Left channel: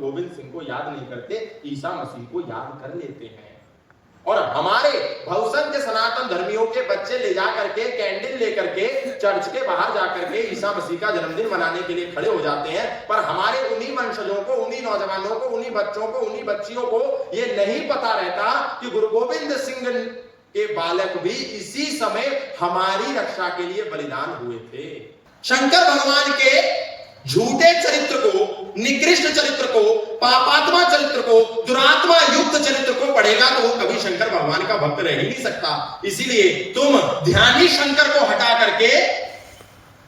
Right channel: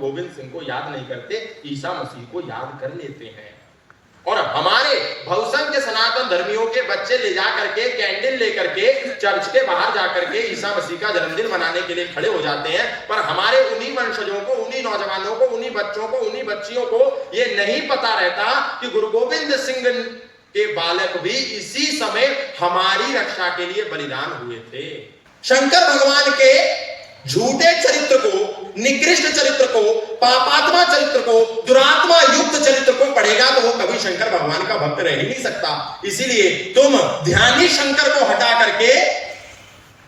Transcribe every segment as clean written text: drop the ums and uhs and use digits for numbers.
गोविंद सिंह को याद नहीं करते, ईसा मसीह को याद कर लेते हैं। और हमारे भवसंघ के सनातन धर्मियों के बच्चे ले जा करके कैंडल लेकर के चर्च के बाहर जाकर के ईसा मसीह का जन्मदिन मनाने के लिए खड़े हो जाते हैं, पर हमारे उन्हीं वंशजों को, उन्हीं नौजवानों को, उन्हीं बच्चों को, उन्हीं बच्चियों को ये नहीं पता रहता कि गुरु गोविंद सिंह के बालक भी इसी समय हमारी रक्षा के लिए बलिदान हुए थे। शंकर भगवान के झूठे चरित्र को, निकृष्ट चरित्र को, पापात्मा चरित्र को, दुरात्मा युक्त चरित्र को पढ़ेगा तो वो कभी शंकर भगवान का भक्त रह ही नहीं सकता। इसीलिए तुम ध्यानी शंकर को हटा करके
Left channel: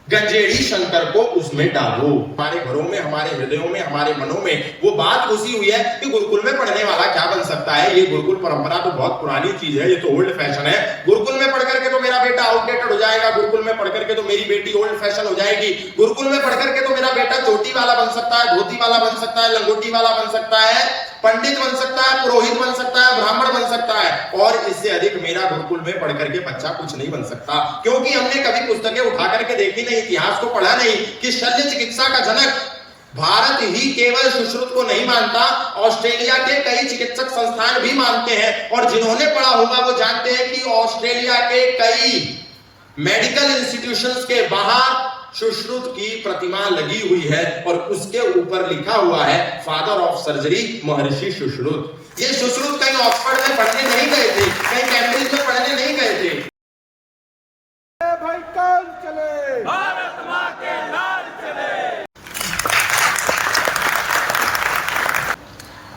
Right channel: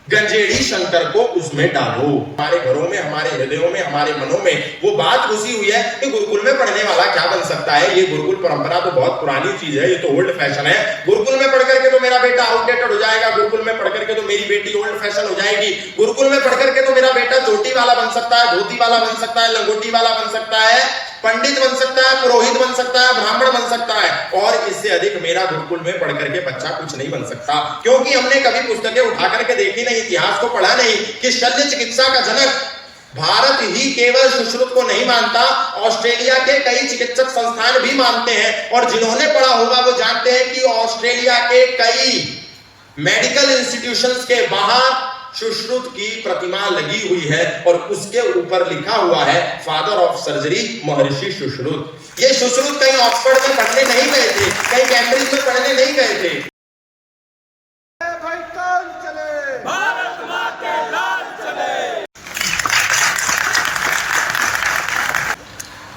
गंजेड़ी शंकर को उसमें डालो। हमारे घरों में, हमारे हृदयों में, हमारे मनों में वो बात घुसी हुई है कि गुरुकुल में पढ़ने वाला क्या बन सकता है। ये गुरुकुल परंपरा तो बहुत पुरानी चीज है, ये तो ओल्ड फैशन है। गुरुकुल में पढ़ करके तो मेरा बेटा आउटडेटेड हो जाएगा, गुरुकुल में पढ़ करके तो मेरी बेटी ओल्ड फैशन हो जाएगी, गुरुकुल में पढ़ करके तो मेरा बेटा चोटी वाला बन सकता है, धोती वाला बन सकता है, लंगोटी वाला बन सकता है, पंडित बन सकता है, पुरोहित बन सकता है, ब्राह्मण बन सकता है, और इससे अधिक मेरा गुरुकुल में पढ़ करके बच्चा कुछ नहीं बन सकता। क्योंकि हमने कभी पुस्तकें उठा करके देखी नहीं, इतिहास को पढ़ा नहीं कि शल्य चिकित्सा का जनक भारत ही केवल सुश्रुत को नहीं मानता, ऑस्ट्रेलिया के कई चिकित्सक संस्थान भी मानते हैं। और जिन्होंने पढ़ा होगा वो जानते हैं कि ऑस्ट्रेलिया के कई मेडिकल इंस्टीट्यूशंस के बाहर सुश्रुत की प्रतिमा लगी हुई है और उसके ऊपर लिखा हुआ है फादर ऑफ सर्जरी महर्षि सुश्रुत। ये सुश्रुत कहीं ऑक्सफोर्ड में पढ़ने नहीं गए थे, कहीं कैम्ब्रिज में पढ़ने नहीं गए थे। भारत मां के लाल चले।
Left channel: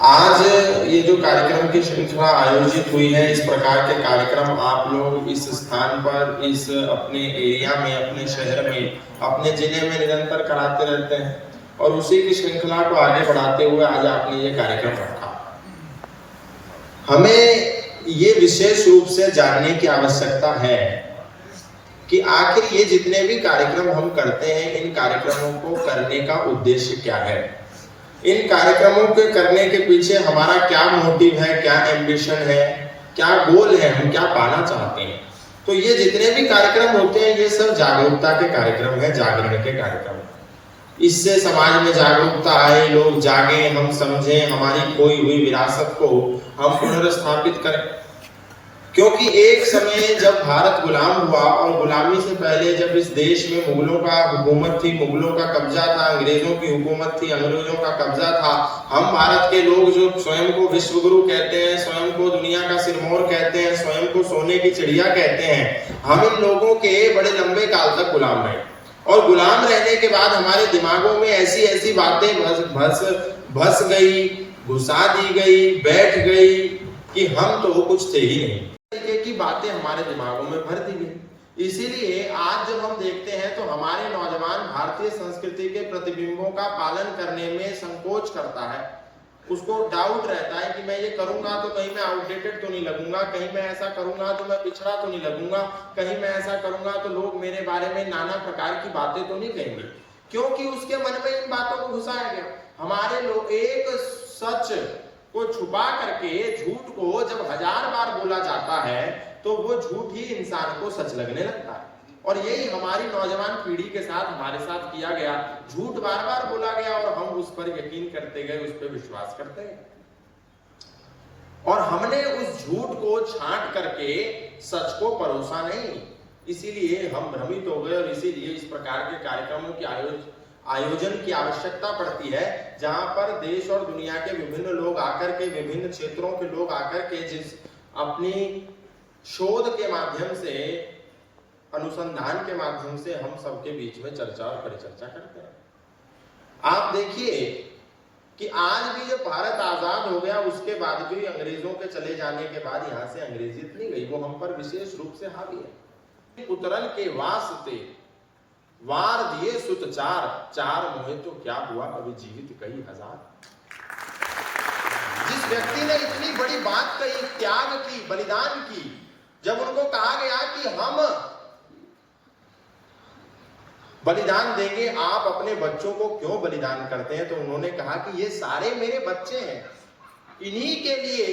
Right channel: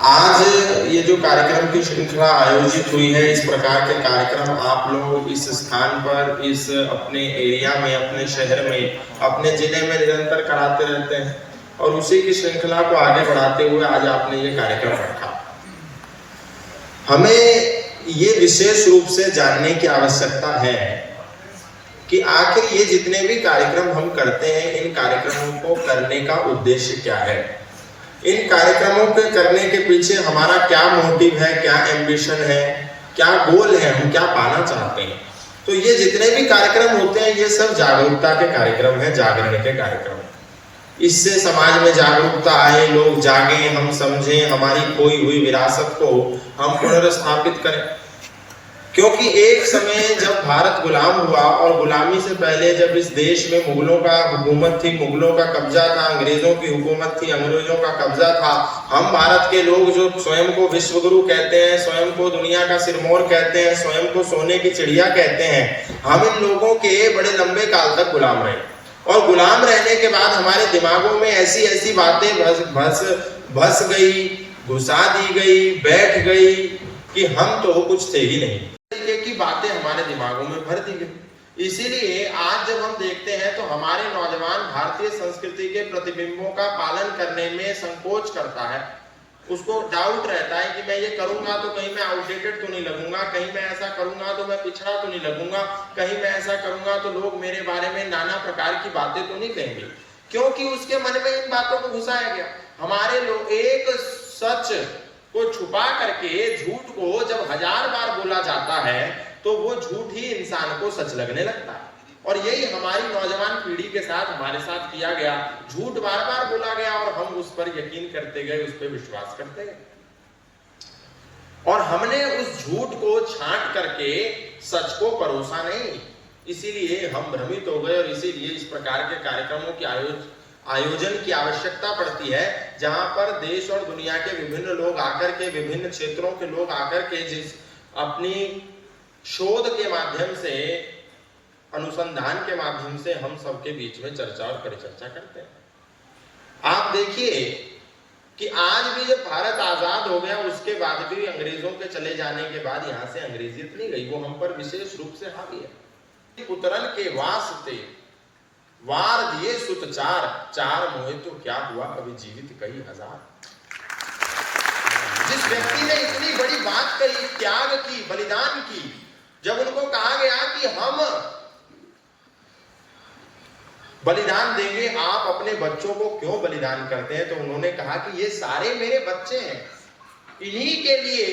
आज ये जो कार्यक्रम की श्रृंखला आयोजित हुई है, इस प्रकार के कार्यक्रम आप लोग इस स्थान पर, इस अपने एरिया में, अपने शहर में, अपने जिले में निरंतर कराते रहते हैं, और उसी की श्रृंखला को आगे बढ़ाते हुए आज आपने ये कार्यक्रम रखा। हमें ये विशेष रूप से जानने की आवश्यकता है कि आखिर ये जितने भी कार्यक्रम हम करते हैं, इन कार्यक्रमों को करने का उद्देश्य क्या है, इन कार्यक्रमों के करने के पीछे हमारा क्या मोटिव है, क्या एम्बिशन है, क्या गोल है, हम क्या पाना चाहते हैं। तो ये जितने भी कार्यक्रम होते हैं ये सब जागरूकता के कार्यक्रम है, जागरण के कार्यक्रम है। इससे समाज में जागरूकता आए, लोग जागे, हम समझें, हमारी खोई हुई विरासत को हम पुनर्स्थापित करें। क्योंकि एक समय जब भारत गुलाम हुआ, और गुलामी से पहले जब इस देश में मुगलों का हुकूमत थी, मुगलों का कब्जा था, अंग्रेजों की हुकूमत थी, अंग्रेजों का कब्जा था, हम भारत के लोग जो स्वयं को विश्वगुरु कहते हैं, स्वयं को दुनिया का सिरमौर कहते हैं, स्वयं को सोने की चिड़िया कहते हैं, हम इन लोगों के बड़े लंबे काल तक गुलाम रहे। और गुलाम रहने के बाद हमारे दिमागों में ऐसी ऐसी बातें भस गई, घुसा दी गई, बैठ गई कि हम तो कुछ थे ही नहीं, तरीके की बातें हमारे दिमागों में भर दी गई। इसीलिए आज जब हम देखते हैं तो हमारे नौजवान भारतीय संस्कृति के प्रतिबिंबों का पालन करने में संकोच करता है। उसको डाउट रहता है कि मैं ये करूंगा तो कहीं मैं आउटडेटेड तो नहीं लगूंगा, कहीं मैं ऐसा करूंगा तो मैं पिछड़ा तो नहीं लगूंगा, कहीं मैं ऐसा करूंगा तो लोग मेरे बारे में नाना प्रकार की बातें तो नहीं कहेंगे, क्योंकि उसके मन में इन बातों को घुसाया गया। हमारे लोग एक सच को छुपा करके झूठ को जब 1000 बार बोला जाता है तो वो झूठ ही इंसान को सच लगने लगता है। और यही हमारी नौजवान पीढ़ी के साथ, हमारे साथ किया गया। झूठ बार बार बोला गया और हम उस पर यकीन करते गए, उस पर विश्वास करते गए, और हमने उस झूठ को छांट करके सच को परोसा नहीं। इसीलिए हम भ्रमित हो गए, और इसीलिए इस प्रकार के कार्यक्रमों की आयोजन की आवश्यकता पड़ती है, जहां पर देश और दुनिया के विभिन्न लोग आकर के, विभिन्न क्षेत्रों के लोग आकर के जिस अपनी शोध के माध्यम से, अनुसंधान के माध्यम से हम सबके बीच में चर्चा और परिचर्चा करते हैं। आप देखिए कि आज भी जब भारत आजाद हो गया, उसके बाद भी अंग्रेजों के चले जाने के बाद यहां से अंग्रेजियत नहीं गई, वो हम पर विशेष रूप से हावी है। उतरन के वास्ते वार दिए सुत चार, चार मोहे तो क्या हुआ अभी जीवित कई हजार। जिस व्यक्ति ने इतनी बड़ी बात कही, त्याग की, बलिदान की, जब उनको कहा गया कि हम बलिदान देंगे, आप अपने बच्चों को क्यों बलिदान करते हैं, तो उन्होंने कहा कि ये सारे मेरे बच्चे हैं, इन्हीं के लिए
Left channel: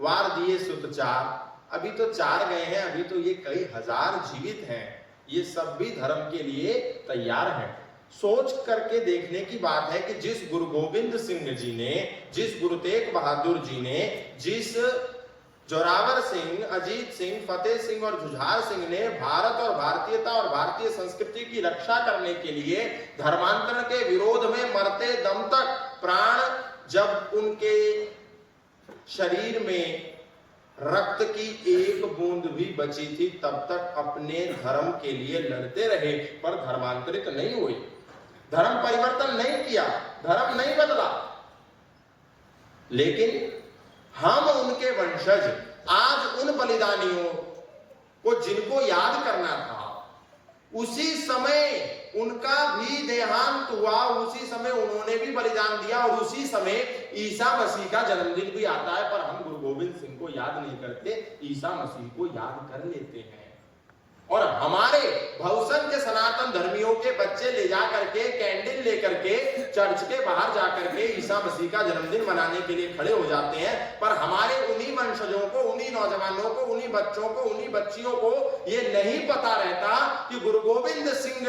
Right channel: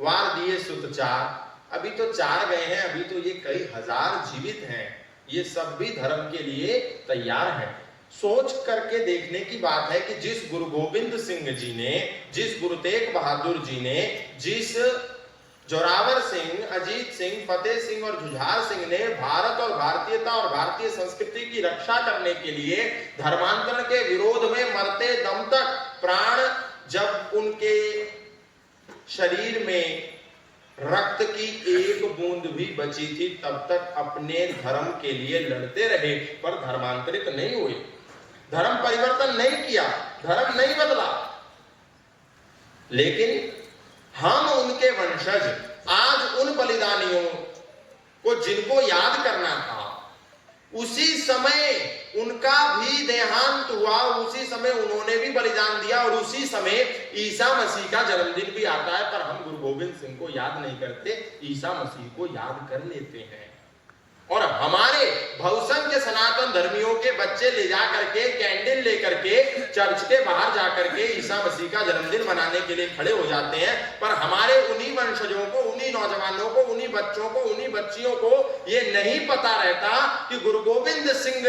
वार दिए सुत चार। अभी तो 4 गए हैं, अभी तो ये कई हजार जीवित हैं, ये सब भी धर्म के लिए तैयार हैं। सोच करके देखने की बात है कि जिस गुरु गोविंद सिंह जी ने, जिस गुरु तेग बहादुर जी ने, जिस जोरावर सिंह, अजीत सिंह, फतेह सिंह और जुझार सिंह ने भारत और भारतीयता और भारतीय संस्कृति की रक्षा करने के लिए धर्मांतरण के विरोध में मरते दम तक प्राण, जब उनके शरीर में रक्त की एक बूंद भी बची थी, तब तक अपने धर्म के लिए लड़ते रहे, पर धर्मांतरित नहीं हुए, धर्म परिवर्तन नहीं किया, धर्म नहीं बदला। लेकिन हम उनके वंशज आज उन बलिदानियों को जिनको याद करना था, उसी समय उनका भी देहांत हुआ, उसी समय उन्होंने भी बलिदान दिया और उसी समय ईसा मसीह का जन्मदिन भी आता है, पर हम गुरु गोविंद सिंह को याद नहीं करते, ईसा मसीह को याद कर लेते हैं। और हमारे भवसन के सनातन धर्मियों के बच्चे ले जा करके, कैंडल लेकर के चर्च के बाहर जा करके ईसा मसीह का जन्मदिन मनाने के लिए खड़े हो जाते हैं, पर हमारे उन्हीं वंशजों को, उन्हीं नौजवानों को, उन्हीं बच्चों को, उन्हीं बच्चियों को ये नहीं पता रहता कि गुरु गोविंद सिंह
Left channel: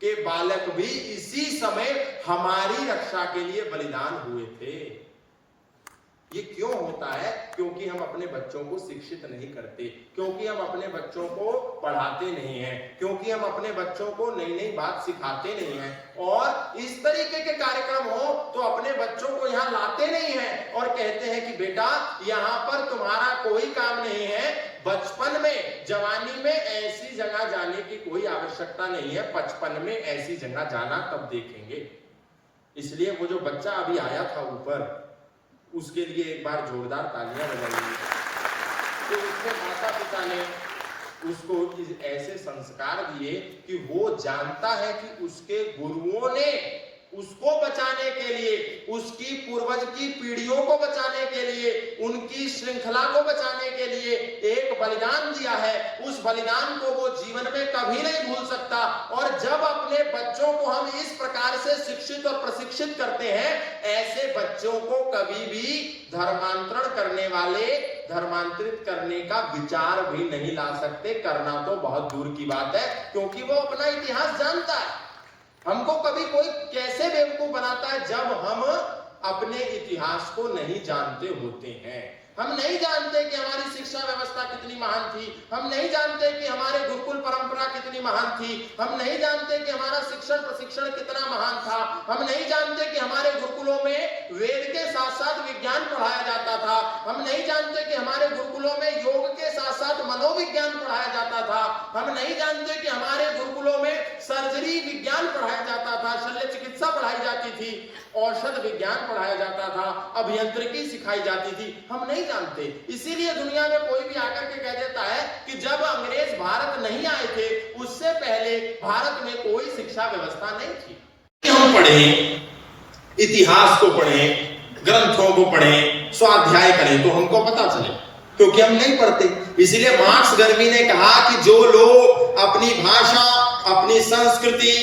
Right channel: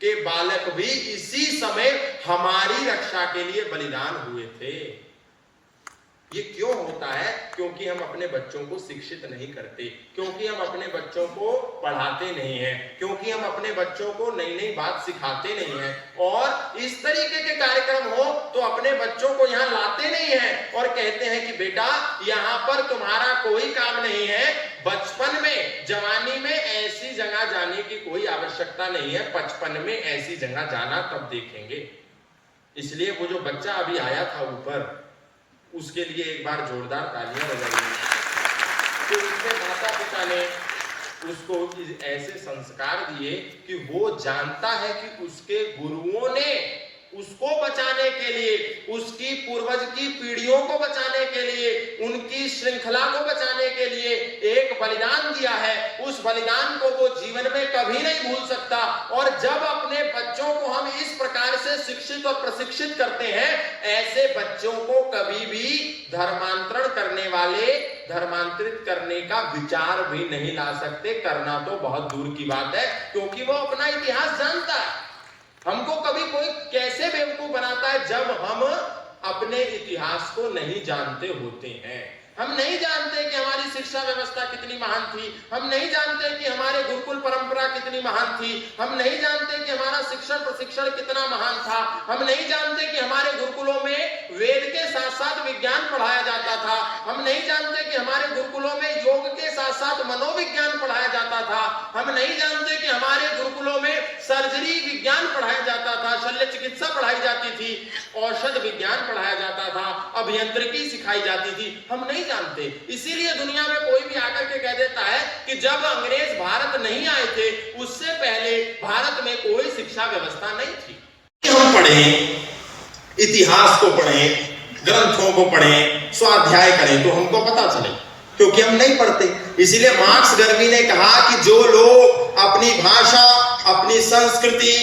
के बालक भी इसी समय हमारी रक्षा के लिए बलिदान हुए थे। ये क्यों होता है? क्योंकि हम अपने बच्चों को शिक्षित नहीं करते, क्योंकि हम अपने बच्चों को पढ़ाते नहीं हैं, क्योंकि हम अपने बच्चों को नई नई बात सिखाते नहीं हैं, और इस तरीके के कार्यक्रम हो तो अपने बच्चों को यहाँ लाते नहीं हैं और कहते हैं कि बेटा यहाँ पर तुम्हारा कोई काम नहीं है, बचपन में, जवानी में ऐसी जगह जाने की कोई आवश्यकता नहीं है, 55 में ऐसी जगह जाना तब देखेंगे। इसलिए वो जो बच्चा अभी आया था ऊपर, उसके लिए एक बार जोरदार तालियां बजाइए कि उसके माता पिता ने उसको ऐसे संस्कार दिए कि वो जानता है कि उसके गुरुओं ने उसको बचाने के लिए, उसकी पूर्वज की पीढ़ियों को बचाने के लिए, उनकी श्रृंखला को बचाने के लिए एक बलिदान दिया है। उस बलिदान को वो जीवन में कभी नहीं भूल सकता। और जब अपने बच्चों को हम इस प्रकार से शिक्षित और प्रशिक्षित करते हैं, ऐसे बच्चों को कभी भी धर्मांतरण करने वाले धर्मांतरित करने का विचार भी नहीं ला सकते। करना तो बहुत दूर की बात है, क्योंकि वो अपना इतिहास जानता है। हमको कभी कोई कैसे बेवकूफ बनाता है जब हम अपने इतिहास को नहीं जानते होते हैं। हम नहीं जानते कि हमारी शिक्षा व्यवस्था कितनी महान थी, हम नहीं जानते कि हमारे गुरुकुल परंपरा कितनी महान थी, हम नहीं जानते कि हमारा शिक्षण प्रशिक्षण कितना महान था, हम नहीं जानते कि हमारे गुरुकुलों में वेद के साथ साथ विज्ञान पढ़ाया जाता था, हम नहीं जानते कि हमारे गुरुकुलों में योग के साथ साथ मनोविज्ञान पढ़ाया जाता था, हम नहीं जानते कि हमारे गुरुकुलों में सर्जरी विज्ञान पढ़ाया जाता था, शल्य चिकित्सा पढ़ाई जाती थी, औषध विज्ञान पढ़ाया जाता था, अभियांत्रिकी सिखाई जाती थी। हम नहीं जानते। इसीलिए दुनिया में कोई भी आकर के कह देता है कि जब अंग्रेज भारत नहीं आए थे, उससे पहले भारत में कोई शिक्षा व्यवस्था नहीं थी। हम पढ़ें, इतिहास को पढ़ें, ग्रंथों को पढ़ें, स्वाध्याय करें तो हमको पता चले, क्योंकि हम नहीं पढ़ते। इसीलिए मार्क्स गर्मी ने कहा कि जो लोग अपनी भाषा, अपनी संस्कृति,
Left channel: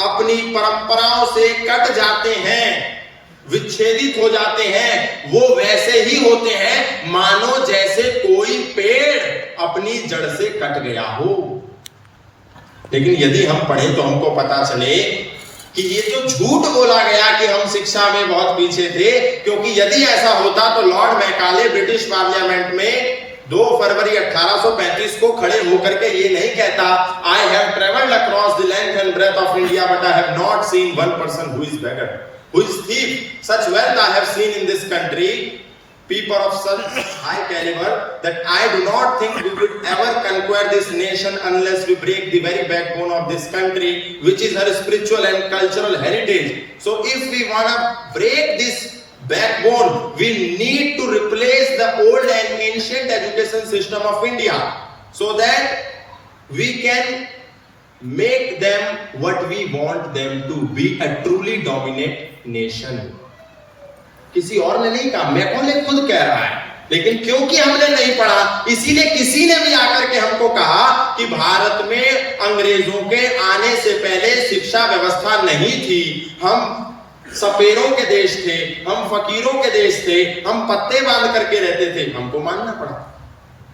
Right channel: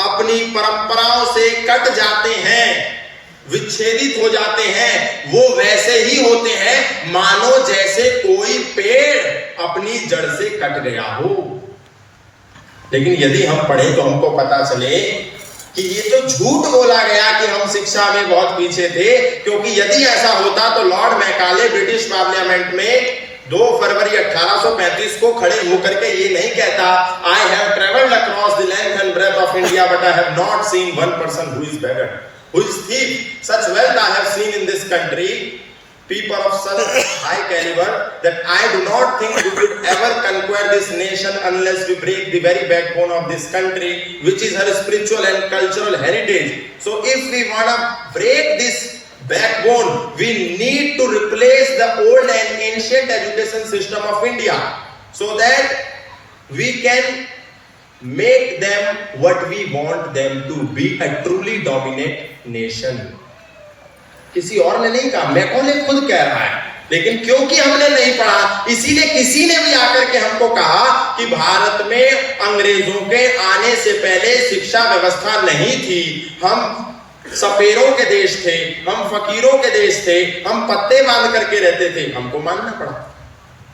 अपनी परंपराओं से कट जाते हैं, विच्छेदित हो जाते हैं, वो वैसे ही होते हैं मानो जैसे कोई पेड़ अपनी जड़ से कट गया हो। लेकिन यदि हम पढ़ें तो हमको पता चले कि ये जो झूठ बोला गया कि हम शिक्षा में बहुत पीछे थे, क्योंकि यदि ऐसा होता तो लॉर्ड मैकाले ब्रिटिश पार्लियामेंट में 2 फरवरी 1835 को खड़े होकर के ये नहीं कहता, I have travelled across the length and breadth of India but I have not seen one person who is beggar, who is thief. Such wealth I have seen in this country, people of such high caliber, that I do not think we will ever conquer this nation unless we break the very backbone of this country, which is her spiritual and cultural heritage. So if we want to break this backbone, we need to replace the old and ancient education system of India, so that we can make them what we want them to be, a truly dominant nation. किसी और ने नहीं कहा, Macaulay खुद कह रहा है। लेकिन क्योंकि हमने नहीं पढ़ा, इसीलिए किसी ने भी आकर के हमको कहा कि भारत में अंग्रेजों के आने से पहले शिक्षा व्यवस्था नहीं थी, हम सपेरों के देश थे, हम फकीरों के देश थे, हम पत्ते बांध करके रहते थे। हमको मानना पड़ा।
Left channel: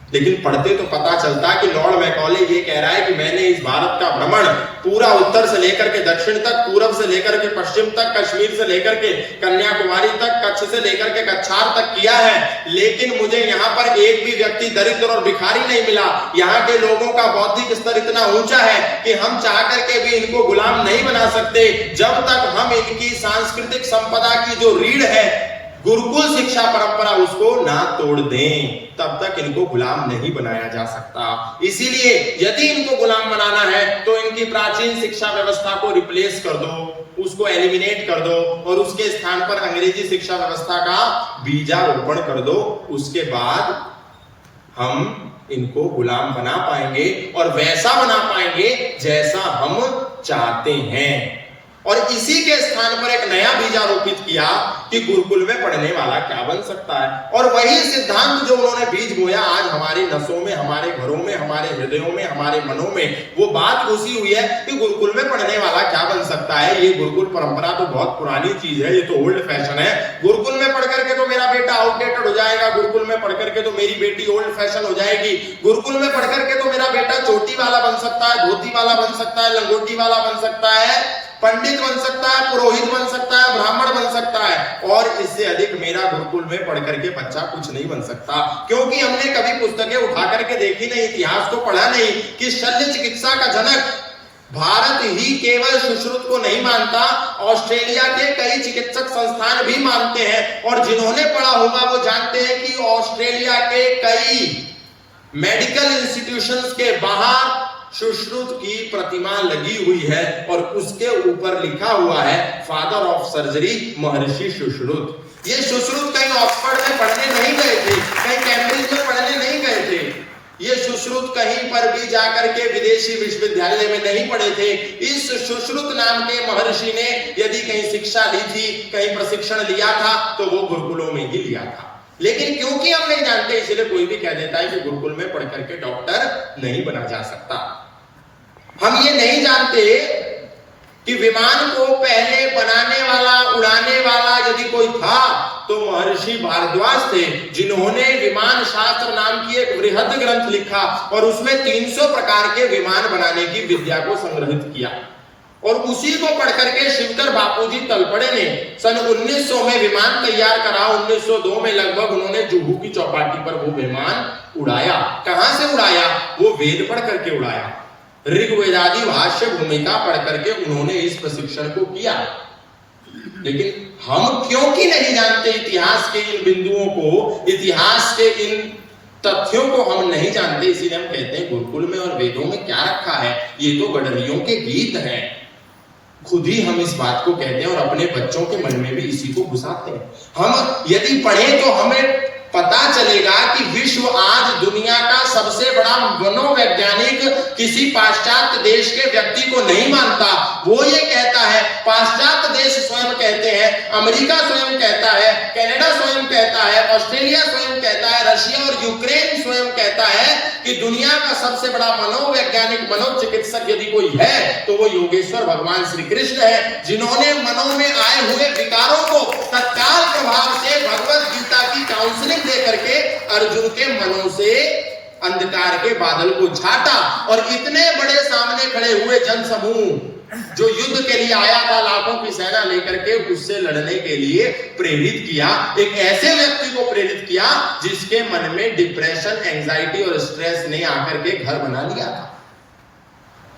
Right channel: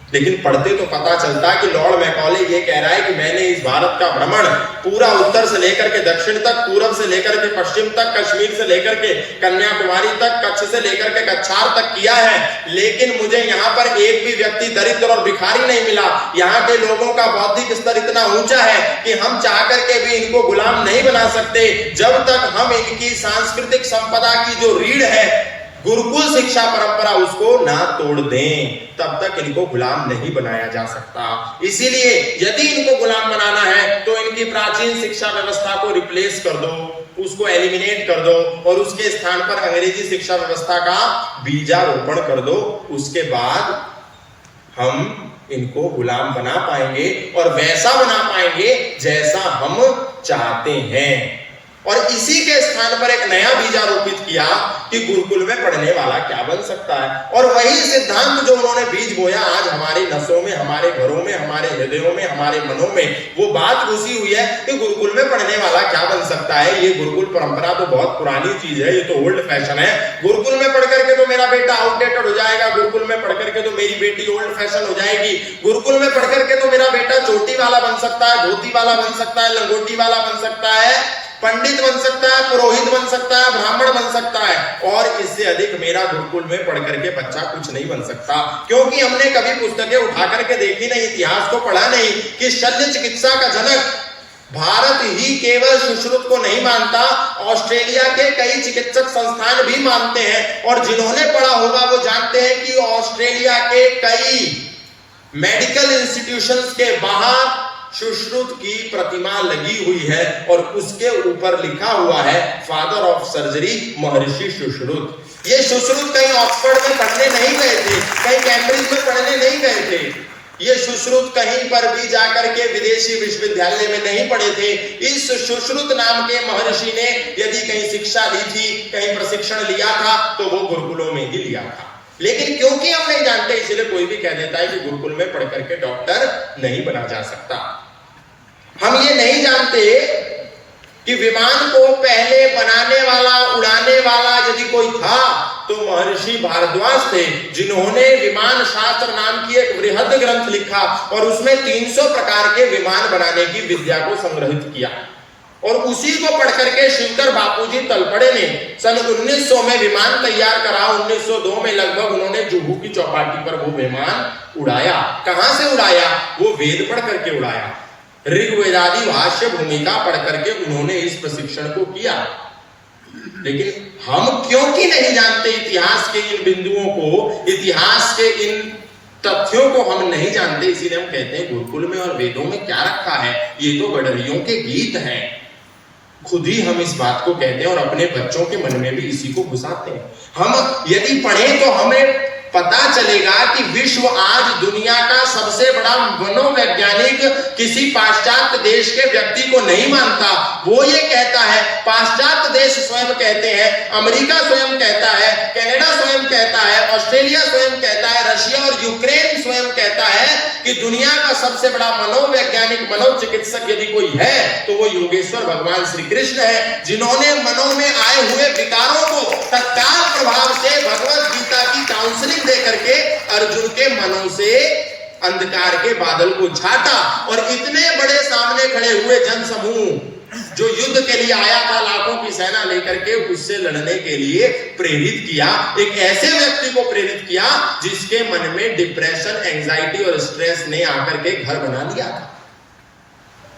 लेकिन पढ़ते तो पता चलता कि लॉर्ड मैकॉले ये कह रहा है कि मैंने इस भारत का भ्रमण पूरा उत्तर से लेकर के दक्षिण तक, पूरब से लेकर के पश्चिम तक, कश्मीर से लेकर के कन्याकुमारी तक, कच्छ से लेकर के कछार तक किया है, लेकिन मुझे यहाँ पर एक भी व्यक्ति दरिद्र और भिखारी नहीं मिला। यहाँ के लोगों का बौद्धिक स्तर इतना ऊंचा है कि हम चाह करके भी इनको गुलाम नहीं बना सकते जब तक हम इनकी सांस्कृतिक संपदा की जो रीढ़ है, गुरुकुल शिक्षा परंपरा, उसको ना तोड़ दें, तब तक इनको गुलाम नहीं बनाया जा सकता। इसीलिए यदि इनको गुलाम बनाना है तो इनकी प्राचीन शिक्षा व्यवस्था को रिप्लेस कर दो, उसको एलिमिनेट कर दो और उसके स्थान पर अंग्रेजी शिक्षा व्यवस्था का बीजारोपण कर दो। उसके बाद हम इनको गुलाम बना पाएंगे और वैसा बना पाएंगे जैसा हम चाहते हैं। और इसी के स्थान पर एक नया बीज आरोपित किया कि गुरुकुल में पढ़ने वाला क्या बन सकता है, और वही सिद्धांत जो उन्होंने बीज बोया आज हमारी नसों में, हमारे घरों में, हमारे हृदयों में, हमारे मनों में वो बात घुसी हुई है कि गुरुकुल में पढ़ने वाला क्या बन सकता है। ये गुरुकुल परंपरा तो बहुत पुरानी चीज है, ये तो ओल्ड फैशन है। गुरुकुल में पढ़ करके तो मेरा बेटा आउटडेटेड हो जाएगा, गुरुकुल में पढ़ करके तो मेरी बेटी ओल्ड फैशन हो जाएगी, गुरुकुल में पढ़ करके तो मेरा बेटा चोटी वाला बन सकता है, धोती वाला बन सकता है, लंगोटी वाला बन सकता है, पंडित बन सकता है, पुरोहित बन सकता है, ब्राह्मण बन सकता है, और इससे अधिक मेरा गुरुकुल में पढ़ करके बच्चा कुछ नहीं बन सकता। क्योंकि हमने कभी पुस्तकें उठा करके देखी नहीं, इतिहास को पढ़ा नहीं कि शल्य चिकित्सा का जनक भारत ही केवल सुश्रुत को नहीं मानता, ऑस्ट्रेलिया के कई चिकित्सक संस्थान भी मानते हैं, और जिन्होंने पढ़ा होगा वो जानते हैं कि ऑस्ट्रेलिया के कई मेडिकल इंस्टीट्यूशंस के बाहर सुश्रुत की प्रतिमा लगी हुई है और उसके ऊपर लिखा हुआ है फादर ऑफ सर्जरी महर्षि सुश्रुत। ये सुश्रुत कहीं ऑक्सफोर्ड में पढ़ने नहीं गए थे, कहीं कैम्ब्रिज में पढ़ने नहीं गए थे, ये सुश्रुत कहीं पर भी जाकर के विदेशी विश्वविद्यालय में नहीं पढ़े थे। इस सुश्रुत नाम के महर्षि ने यदि कहीं शिक्षा ली थी, कहीं प्रशिक्षण लिया था, तो वो गुरुकुलों में ही लिया था। लेकिन क्योंकि हम नहीं जानते, इसलिए कोई भी कह देता है कि गुरुकुल में पढ़ करके डॉक्टर नहीं बना जा सकता। हम ये नहीं जानते कि विमान को पहले बनाने वाला, उड़ाने वाला यदि कोई था तो महर्षि भारद्वाज थे, जिन्होंने विमान शास्त्र नाम की एक बृहद ग्रंथ लिखा और उसमें 300 प्रकार के विमान बनाने की विद्या को संग्रहित किया, और उसी को पढ़ करके शिवकर बापूजी तलपड़े ने सन 1900 में विमान तैयार करा। 1902 में लगभग उन्होंने जुहू की चौपाटी पर वो विमान उड़ाया। कहां से उड़ाया? वो वेद पढ़ करके उड़ाया, ऋग्वेदादि भाष्य भूमिका पढ़ करके उन्होंने इस प्रशिक्षण को किया। लेकिन हम क्योंकि नहीं जानते इतिहास के इन बिंदुओं को, इतिहास के इन तथ्यों को हम नहीं जानते, इसीलिए हम कहते हैं गुरुकुल में और वेदों में क्या रखा है, ये तो गडरियों के गीत हैं। खुद ही हम इस बात को कहते हैं और अपने बच्चों के मन में भी इसी को घुसाते हैं। हम यदि पढ़ें तो हमें पता चलेगा कि विश्व आज दुनिया का सबसे बड़ा मनोवैज्ञानिक किसी पाश्चात्य देश के व्यक्ति को नहीं मानता। वो ये कहता है, पाश्चात्य देश स्वयं कहते हैं, अमेरिका स्वयं कहता है, कनाडा स्वयं कहता है, ऑस्ट्रेलिया स्वयं कहता है, रशिया और यूक्रेन स्वयं कहता है कि दुनिया का सबसे बड़ा मनोवैज्ञानिक, मनोचिकित्सक यदि कोई है तो वो योगेश्वर भगवान श्री कृष्ण है, जिन्होंने मनों में आए हुए विकारों को तत्काल प्रभाव से भगवत गीता की काउंसलिंग दे करके अर्जुन के मनों से अंधकार के बादल को छाटा, और इतने बड़े सामने खड़े हुए जन समूह जो युद्ध के लिए आया था, लाखों की सेना लेकर के, उससे लड़ने के लिए प्रेरित किया। एक ऐसे व्यक्ति को प्रेरित किया जिसके मन में डिप्रेशन, एंजाइटी और स्ट्रेस ने आकर के घर बना लिया था।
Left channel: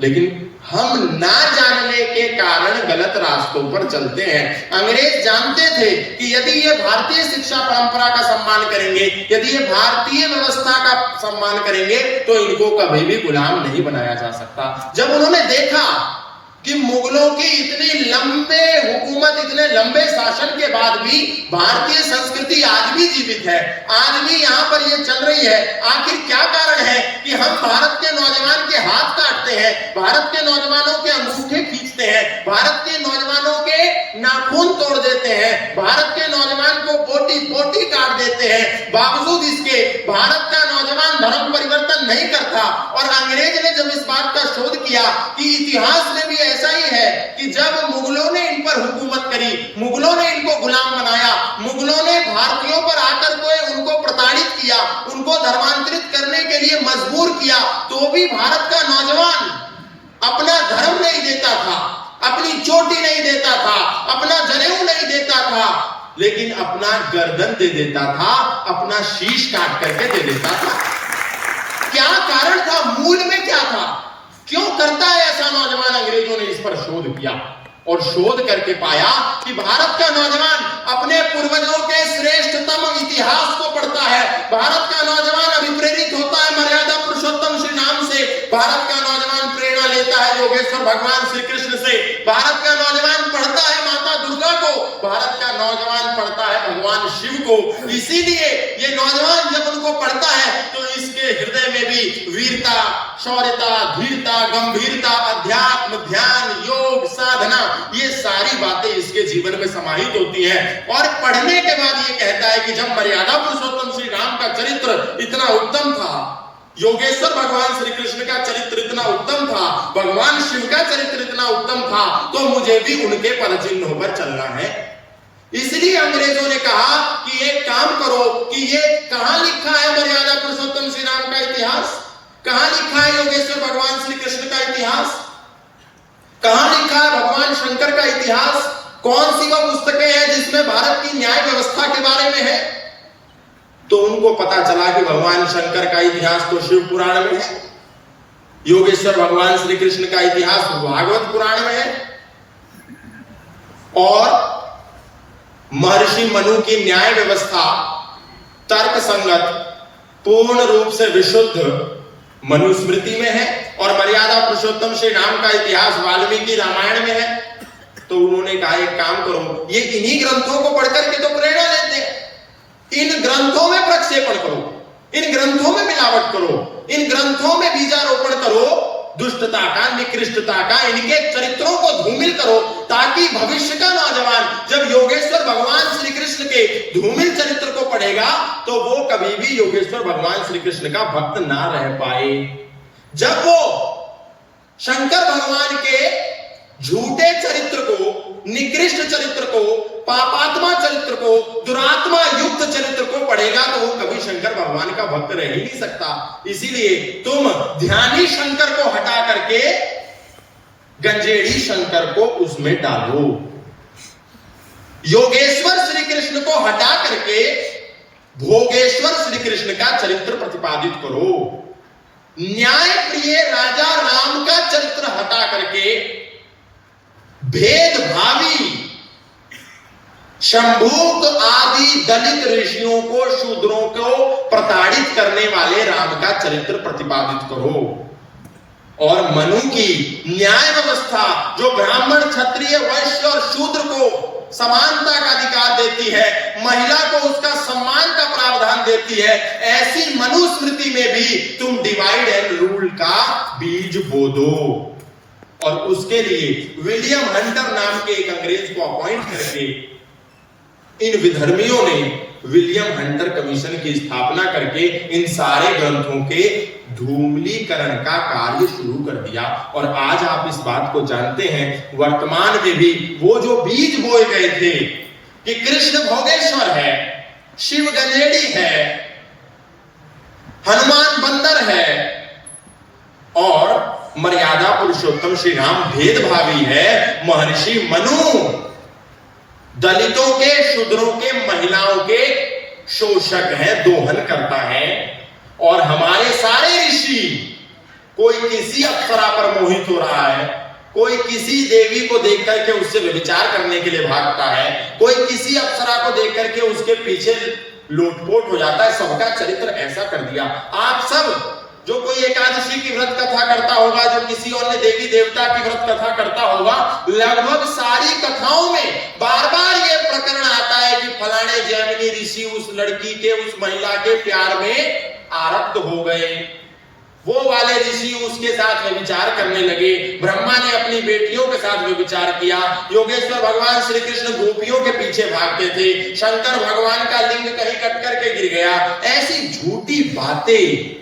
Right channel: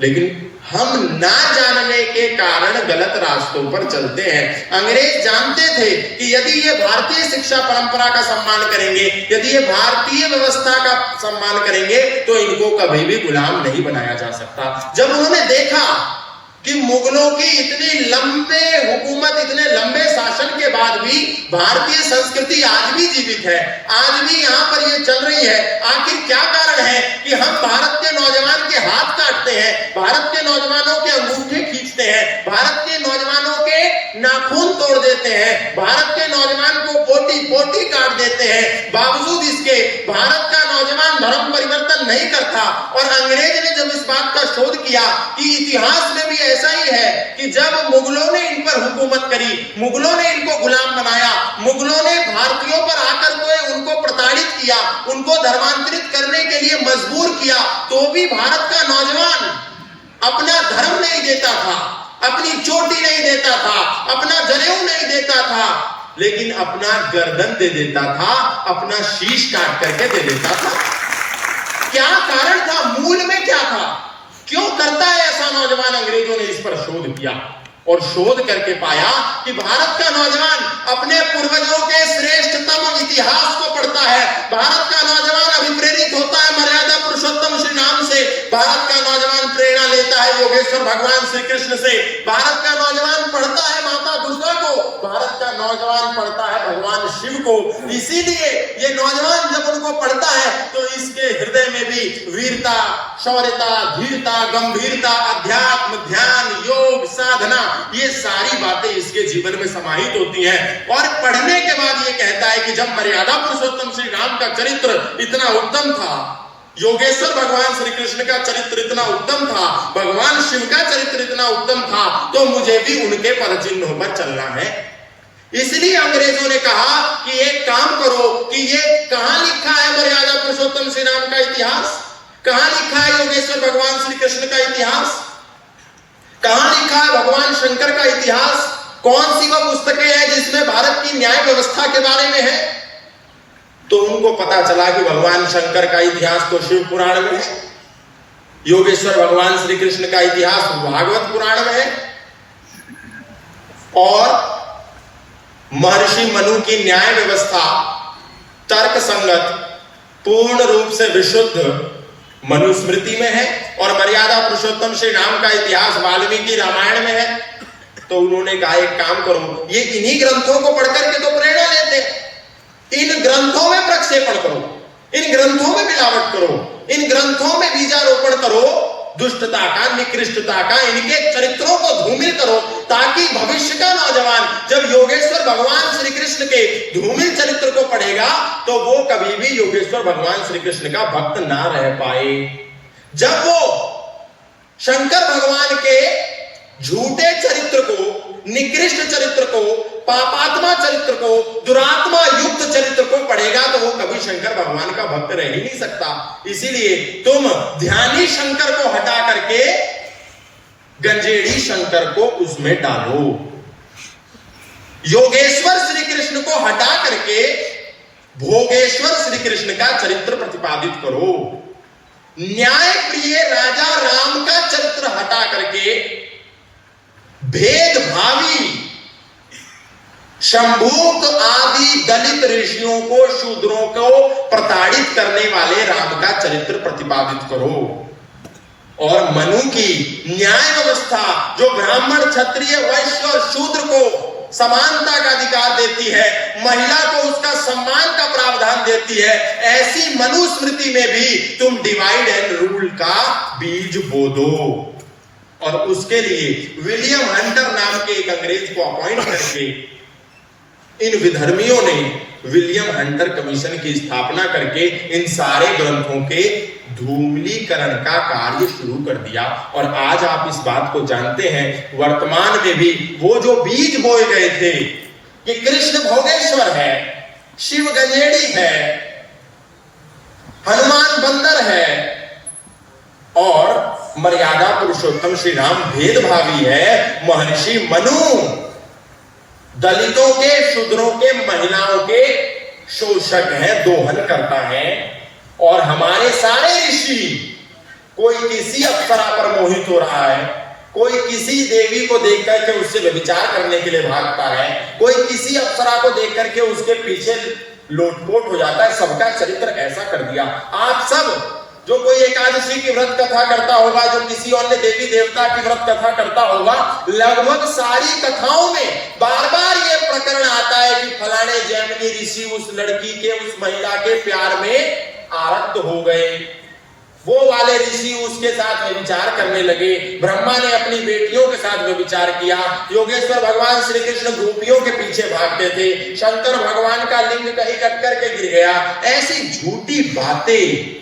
लेकिन हम ना जानने के कारण गलत रास्तों पर चलते हैं। अंग्रेज जानते थे कि यदि ये भारतीय शिक्षा परंपरा का सम्मान करेंगे, यदि ये भारतीय व्यवस्था का सम्मान करेंगे, तो इनको कभी भी गुलाम नहीं बनाया जा सकता। जब उन्होंने देखा कि मुगलों की इतनी लंबे हुकूमत, इतने लंबे शासन के बाद भी भारतीय संस्कृति आज भी जीवित है, आज भी यहाँ पर ये चल रही है, आखिर क्या कारण है कि हम भारत के नौजवान के हाथ काटते हैं, भारत के नौजवानों के अंगूठे खींचते हैं, भारत के नौजवानों के नाखून तोड़ देते हैं, भारत के नौजवान को बोटी बोटी काट देते हैं, बावजूद इसके भारत का नौजवान धर्म परिवर्तन नहीं करता। और अंग्रेज ने जब इस बात का शोध किया कि इतिहास में भी ऐसा ही है कि जब मुगलों ने इन पर हुकूमत करी, मुगलों ने इनको गुलाम बनाया, मुगलों ने भारतीयों पर आकर के उनको प्रताड़ित किया, उनको उनको धर्मांतरित करने के लिए मजबूर किया, तो भी भारत का नौजवान अपना धर्म नहीं देता था, अपनी चोटी नहीं देता था, अपना जनेऊ नहीं देता था, लेकिन अपना गर्दन दे देता था, अपना शीश काट करके दे देता था। क्या कारण था? मूल में क्या था? क्यों करता है ऐसा नौजवान? अंग्रेजों ने इस पर शोध किया और शोध करके पाया कि भारत का नौजवान अपने पूर्वजों के श्रेष्ठतम इतिहास को पढ़ता है। भारत का नौजवान अभिप्रेरित होता है मर्यादा पुरुषोत्तम श्री राम से। भारत का नौजवान प्रेरणा लेता है योगेश्वर भगवान श्री कृष्ण से। भारत का नौजवान पढ़ता है माता दुर्गा को। भारत का नौजवान पढ़ता है भगवान शिव को। इसीलिए ये नौजवान जब उनको पढ़ता है तो इसके हृदय में भी वीरता, शौर्यता, धीरता, गंभीरता, अध्यात्म, ध्यान, योग, साधना, ये सारी बातें इसके जीवन में समाहित होती हैं। और पढ़ने के बाद ये कहता है कि जब मर्यादा पुरुषोत्तम श्री राम का चरित्र इतना उत्तम था, योगेश्वर भगवान श्री कृष्ण का चरित्र इतना उत्तम था, भगवान शिव का चरित्र इतना उत्तम था, तो मुझे भी उनके पदचिन्हों पर चलना है। इसलिए अंग्रेजों ने कहा कि एक काम करो कि ये कहां लिखा है मर्यादा पुरुषोत्तम श्री राम का इतिहास, कहां लिखा है योगेश्वर भगवान श्री कृष्ण का इतिहास, कहां लिखा है भगवान शंकर का इतिहास, कौन सी वह पुस्तकें हैं जिसमें भारत की न्याय व्यवस्था के बारे में है? तो उनको पता चला कि भगवान शंकर का इतिहास तो शिव पुराण में है, योगेश्वर भगवान श्री कृष्ण का इतिहास भागवत पुराण में है, और महर्षि मनु की न्याय व्यवस्था तर्क संगत, पूर्ण रूप से विशुद्ध मनुस्मृति में है, और मर्यादा पुरुषोत्तम श्री राम का इतिहास वाल्मीकि रामायण में है। तो उन्होंने कहा एक काम करो, ये इन्हीं ग्रंथों को पढ़कर के तो प्रेरणा लेते हैं, इन ग्रंथों में प्रक्षेपण करो, इन ग्रंथों में मिलावट करो, इन ग्रंथों में बीजारोपण करो, दुष्टता का, निकृष्टता का, इनके चरित्रों को धूमिल करो, ताकि भविष्य का नौजवान जब योगेश्वर भगवान श्री कृष्ण के धूमिल चरित्र को पढ़ेगा तो वो कभी भी योगेश्वर भगवान श्री कृष्ण का भक्त ना रह पाए। जब वो शंकर भगवान के झूठे चरित्र को, निकृष्ट चरित्र को, पापात्मा चरित्र को, दुरात्मा युक्त चरित्र को पढ़ेगा तो वो कभी शंकर भगवान का भक्त रह ही नहीं सकता। इसीलिए तुम ध्यानी शंकर को हटा करके गंजेड़ी शंकर को उसमें डालो, योगेश्वर श्री कृष्ण को हटा करके भोगेश्वर श्री कृष्ण का चरित्र प्रतिपादित करो, न्याय प्रिय राजा राम का चरित्र हटा करके भेदभावी शंभूक आदि दलित ऋषियों को, शूद्रों को प्रताड़ित करने वाले राम का चरित्र प्रतिपादित करो, और मनु की न्याय व्यवस्था जो ब्राह्मण, क्षत्रिय, वैश्य और शूद्र को समानता का अधिकार देती है, महिला को उसका सम्मान का प्रावधान देती है, ऐसी मनुस्मृति में भी तुम डिवाइड एंड रूल का बीज बो दो। और उसके लिए विलियम हंटर नाम के एक अंग्रेज को अपॉइंट करके इन विधर्मियों ने विलियम हंटर कमीशन की स्थापना करके इन सारे ग्रंथों के धूमिलीकरण का कार्य शुरू कर दिया। और आज आप इस बात को जानते हैं, वर्तमान में भी वो जो बीज बोए गए थे कि कृष्ण भोगेश्वर है, शिव गंजेड़ी है, हनुमान बंदर है और मर्यादा पुरुषोत्तम श्री राम भेदभावी है, महर्षि मनु दलितों के, शूद्रों के, महिलाओं के शोषक है, दोहन करता है, और हमारे सारे ऋषि, कोई किसी अप्सरा पर मोहित हो रहा है, कोई किसी देवी को देख करके उससे व्यभिचार करने के लिए भागता है, कोई किसी अप्सरा को देख करके उसके पीछे लोटपोट हो जाता है, सबका चरित्र ऐसा कर दिया। आप सब जो कोई एकादशी की व्रत कथा करता होगा, जो किसी अन्य देवी देवता की व्रत कथा करता होगा, लगभग सारी कथाओं में बार बार ये प्रकरण आता है कि फलाने जैमिनी ऋषि उस लड़की के, उस महिला के प्यार में आरक्त हो गए, वो वाले ऋषि उसके साथ व्यभिचार करने लगे, ब्रह्मा ने अपनी बेटियों के साथ व्यभिचार किया, योगेश्वर भगवान श्री कृष्ण गोपियों के पीछे भागते थे, शंकर भगवान का लिंग कहीं कट करके गिर गया। ऐसी झूठी बातें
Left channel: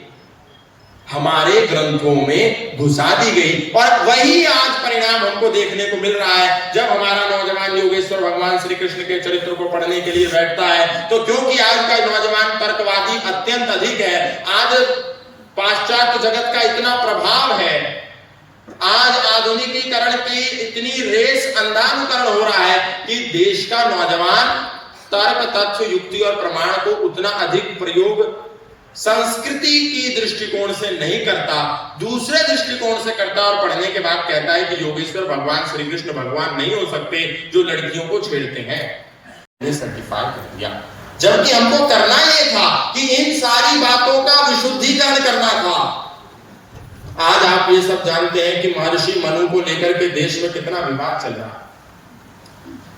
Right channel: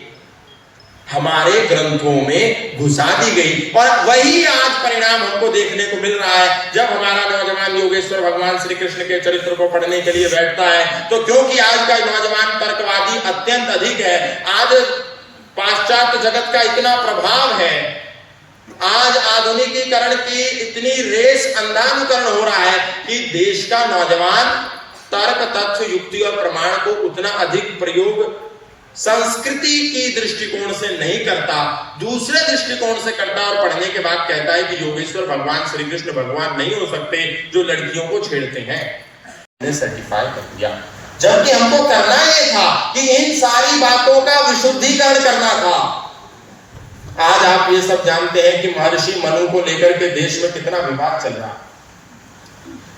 हमारे ग्रंथों में घुसा दी गई। और वही आज परिणाम हमको देखने को मिल रहा है। जब हमारा नौजवान योगेश्वर भगवान श्री कृष्ण के चरित्र को पढ़ने के लिए बैठता है, तो क्योंकि आज का नौजवान तर्कवादी अत्यंत अधिक है, आज पाश्चात्य जगत का इतना प्रभाव है, आज आधुनिकीकरण की इतनी रेस अंधानुकरण हो रहा है कि देश का नौजवान तर्क, तथ्य, युक्ति और प्रमाण को उतना अधिक प्रयोग संस्कृति की दृष्टिकोण से नहीं करता, दूसरे दृष्टिकोण से करता और पढ़ने के बाद कहता है कि योगेश्वर भगवान श्री कृष्ण भगवान नहीं हो सकते जो लड़कियों को छेड़ते हैं। सर्टिफाई कर दिया, जबकि हमको करना यह था कि इन सारी बातों का विशुद्धिकरण करना था। आज आप ये सब जानते हैं कि महर्षि मनु को लेकर के देश में कितना विवाद चल रहा है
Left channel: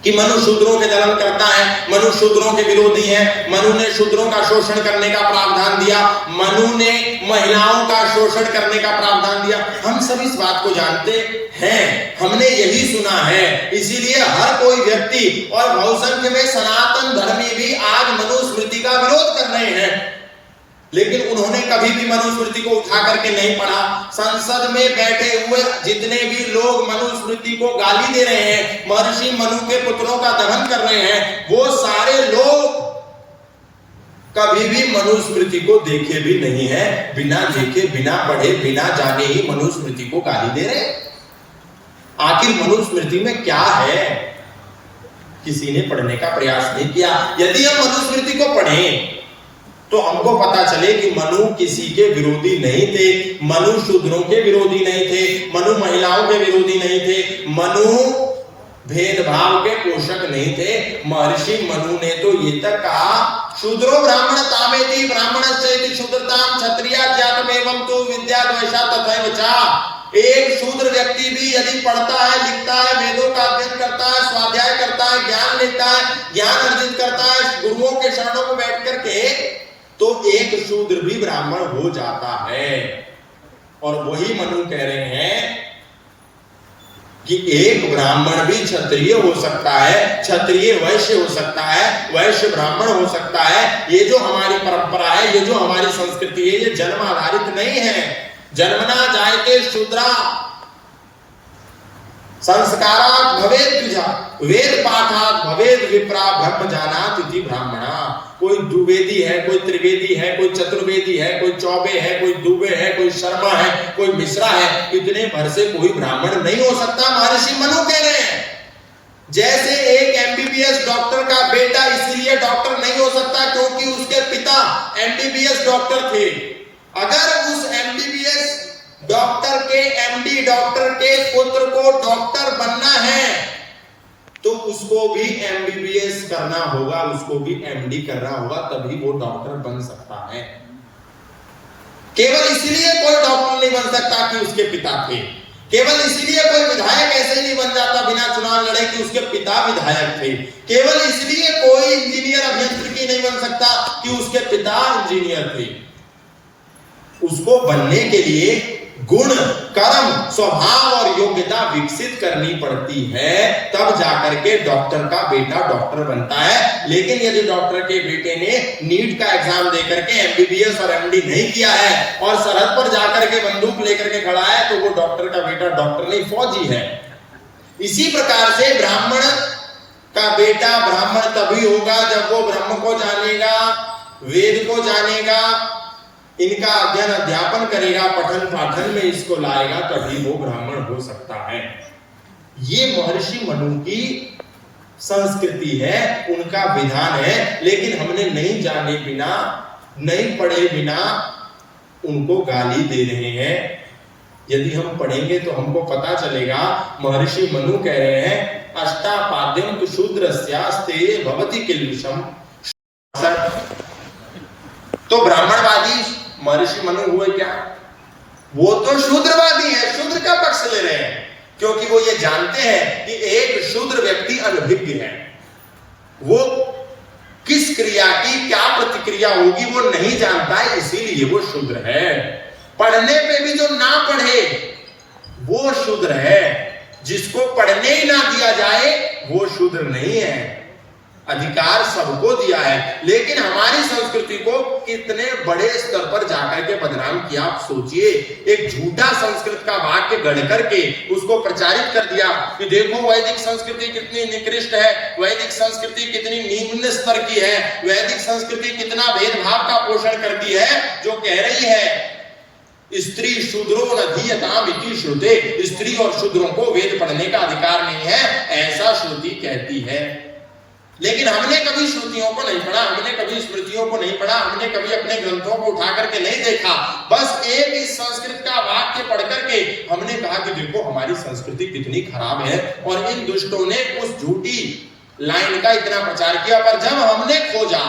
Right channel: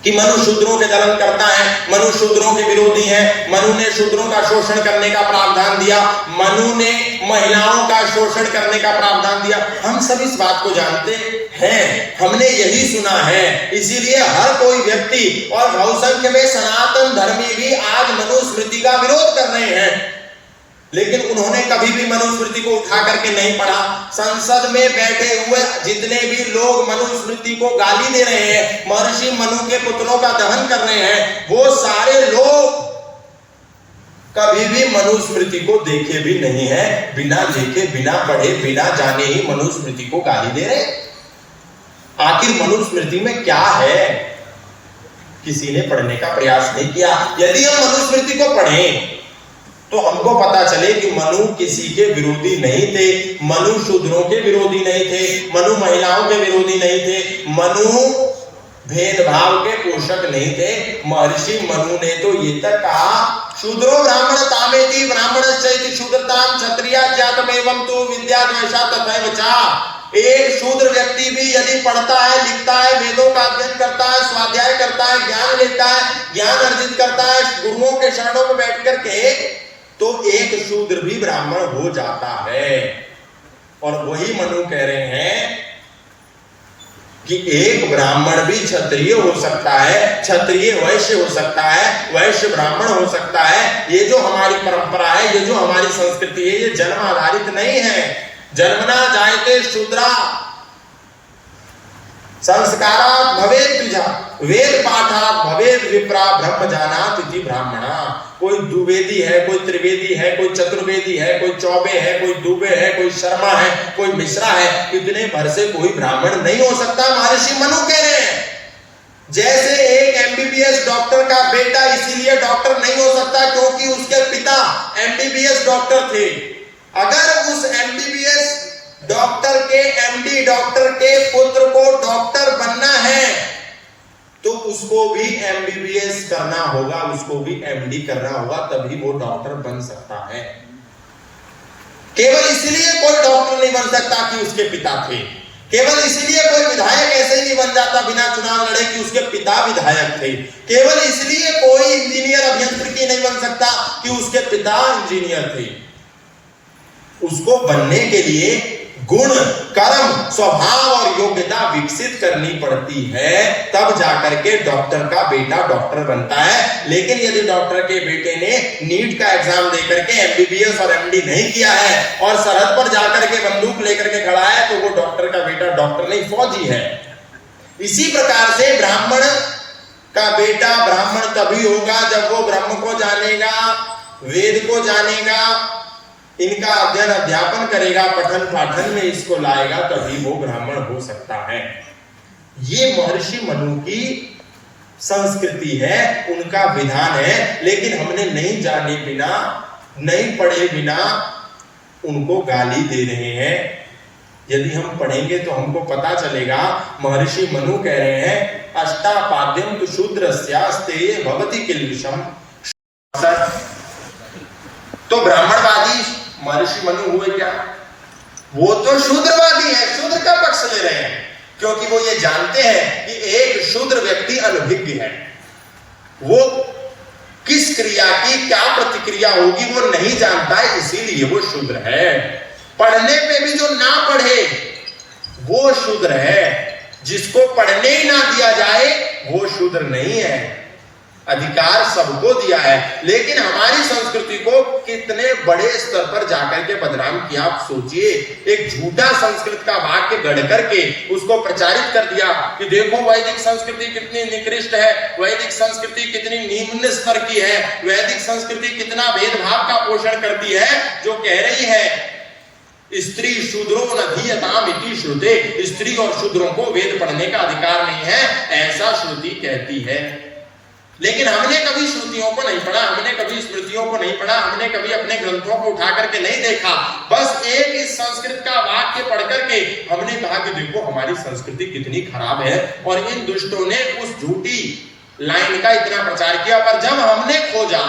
कि मनु शूद्रों के दलन करता है, मनु शूद्रों के विरोधी है, मनु ने शूद्रों का शोषण करने का प्रावधान दिया, मनु ने महिलाओं का शोषण करने का प्रावधान दिया। हम सब इस बात को जानते हैं, हमने यही सुना है। इसीलिए हर कोई व्यक्ति और बहुसंख्य में सनातन धर्मी भी आज मनुस्मृति का विरोध कर रहे हैं, लेकिन उन्होंने कभी भी मनुस्मृति को उठा करके नहीं पढ़ा। संसद में बैठे हुए जितने भी लोग मनुस्मृति को गाली दे रहे हैं, महर्षि मनु के पुत्रों का दहन कर रहे हैं, वो सारे लोग कभी भी मनुस्मृति को देखे भी नहीं है। बिना देखे, बिना पढ़े, बिना जाने ही मनुस्मृति को गाली दे रहे हैं। आखिर मनुस्मृति में क्या है, किसी ने पढ़ने का प्रयास नहीं किया। यदि हम मनुस्मृति को पढ़ें तो हमको पता चले कि मनु किसी के विरोधी नहीं थे, मनु शूद्रों के विरोधी नहीं थे, मनु महिलाओं के विरोधी नहीं थे, मनु भेदभाव के पोषक नहीं थे। महर्षि मनु ने तो ये तक कहा, शूद्रो ब्राह्मण तामेति ब्राह्मणश्चैति शूद्रतां क्षत्रिया जातमेवं तु विद्या द्वेषा तथैव च। एक शूद्र व्यक्ति भी यदि पढ़ता है, लिखता है, वेदों का अध्ययन करता है, स्वाध्याय करता है, ज्ञान लेता है, ज्ञान अर्जित करता है, गुरुओं के शरणों में बैठ करके, तो एक शूद्र भी ब्राह्मण हो जाता है। और वही मनु कह रहे हैं कि एक ब्राह्मण भी क्षत्रिय हो सकता है, क्षत्रिय वैश्य हो सकता है, वैश्य ब्राह्मण हो सकता है। ये जो हमारी परंपरा है, ये जो हमारी संस्कृति है, ये जन्म आधारित नहीं है। जन्मना जायते शूद्रा संस्कारात् भवेत् द्विजा, वेद पाठात् भवेत् विप्रा ब्रह्म जानात् इति ब्राह्मणा। कोई द्विवेदी है, कोई त्रिवेदी है, कोई चतुर्वेदी है, कोई चौबे है, कोई दुबे है, कोई शर्मा है, कोई मिश्रा है, इतने भर से कोई ब्राह्मण नहीं हो सकता। महर्षि मनु कह रहे हैं, जैसे एक एमबीबीएस डॉक्टर का बेटा इसीलिए डॉक्टर नहीं हो सकता क्योंकि उसके पिता एमबीबीएस डॉक्टर थे। अगर उस एमबीबीएस डॉक्टर के एमडी डॉक्टर के पुत्र को डॉक्टर बनना है तो उसको भी एमबीबीएस करना होगा, उसको भी एमडी करना होगा, तभी वो डॉक्टर बन सकता है। केवल इसलिए कोई डॉक्टर नहीं बन सकता कि उसके पिता थे, केवल इसलिए कोई विधायक ऐसे नहीं बन जाता बिना चुनाव लड़े कि उसके पिता विधायक थे, केवल इसलिए कोई इंजीनियर अभियंत्रिकी नहीं बन सकता कि उसके पिता इंजीनियर थे। उसको बनने के लिए गुण, कर्म, स्वभाव और योग्यता विकसित करनी पड़ती है, तब जाकर के डॉक्टर का बेटा डॉक्टर बनता है। लेकिन यदि डॉक्टर के बेटे ने नीट का एग्जाम देकर के एमबीबीएस और एमडी नहीं किया है और सरहद पर जाकर के बंदूक लेकर के खड़ा है, तो वो डॉक्टर का बेटा डॉक्टर नहीं, फौजी है। इसी प्रकार से ब्राह्मण का बेटा ब्राह्मण तभी होगा जब वो ब्रह्म को जानेगा, वेद को जानेगा, इनका अध्ययन अध्यापन करेगा, पठन पाठन में इसको लाएगा, तभी वो ब्राह्मण हो सकता है। ये महर्षि मनु की संस्कृति है, उनका विधान है। लेकिन हमने नहीं जाने बिना, नहीं पढ़े बिना उनको गाली दे रहे हैं। यदि हम पढ़ेंगे तो हमको पता चलेगा। महर्षि मनु कह रहे हैं, अष्टापाद्यम तु शूद्रस्यास्ते भवति किल्बिषम। तो ब्राह्मणवादी महर्षि मनु हुए क्या? वो तो शूद्रवादी है, शूद्र का पक्ष ले रहे हैं, क्योंकि वो ये जानते हैं कि एक शूद्र व्यक्ति अनभिज्ञ है। वो किस क्रिया की क्या प्रतिक्रिया होगी वो नहीं जानता है, इसीलिए वो शूद्र है। पढ़ने में भी जो ना पढ़े वो शूद्र है, जिसको पढ़ने ही ना दिया जाए वो शूद्र नहीं है। अधिकार सबको दिया है, लेकिन हमारी संस्कृति को कितने बड़े स्तर पर जाकर के बदनाम किया। आप सोचिए, एक झूठा संस्कृत का वाक्य गढ़ करके उसको प्रचारित कर दिया कि देखो वैदिक संस्कृति कितनी निकृष्ट है, वैदिक संस्कृति कितनी निम्न स्तर की है, वैदिक संस्कृति कितना भेदभाव का पोषण करती है, जो कह रही है स्त्री शूद्रो न धीयताम इति श्रुते, स्त्री और शूद्रों को वेद पढ़ने का अधिकार नहीं है, ऐसा श्रुति कहती है। लेकिन हमने कभी श्रुतियों को नहीं पढ़ा, हमने कभी स्मृतियों को नहीं पढ़ा, हमने कभी अपने ग्रंथों को उठा करके नहीं देखा। बस एक इस संस्कृत का वाक्य पढ़ करके हमने कहा कि देखो हमारी संस्कृति कितनी खराब है, और इन दुष्टों ने उस झूठी लाइन का इतना प्रचार किया। पर जब हमने खोजा,